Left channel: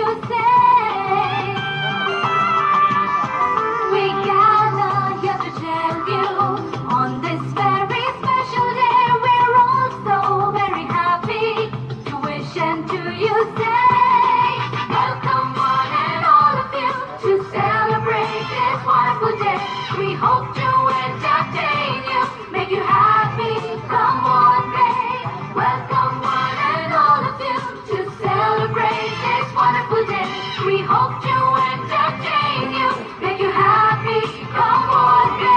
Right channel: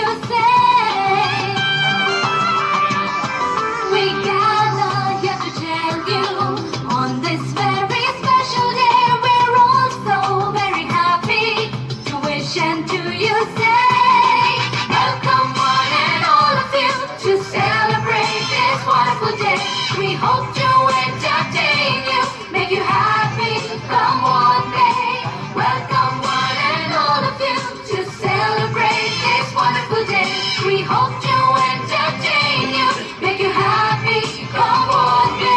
you say. We gather here to tell you on this very special day we're all so very happy to wish and to you say. Welcome one and all of you to celebrate this wonderful day. We hope to entertain you, make you happy, come on day. Welcome one and all of you to celebrate this wonderful day. We hope to entertain you, make you happy, come on day.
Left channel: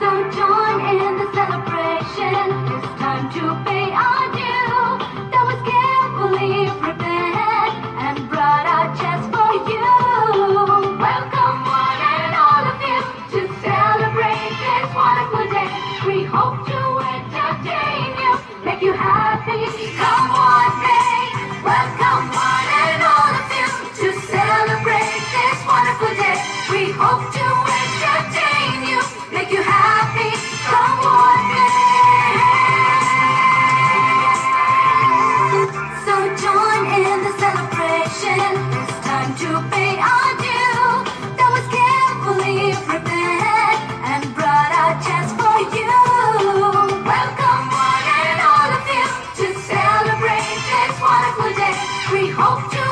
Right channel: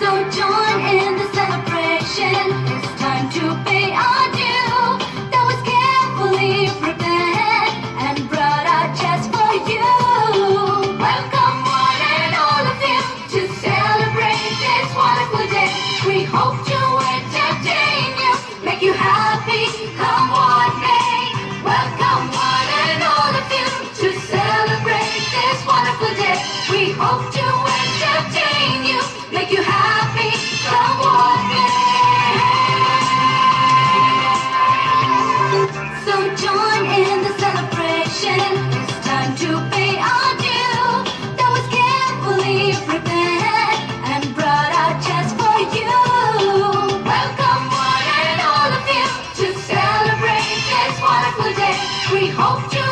So join in the celebration, it's time to pay our due. That was carefully prepared and brought out just for you. Welcome one and all of you to celebrate this wonderful day. We hope to entertain you, make you happy, come on day. Welcome one and all of you to celebrate this wonderful day. We hope to entertain you, make you happy, come on day. So join in the celebration, it's time to pay our due. That was carefully prepared and brought out just for you. Welcome one and all of you to celebrate this wonderful day. We hope to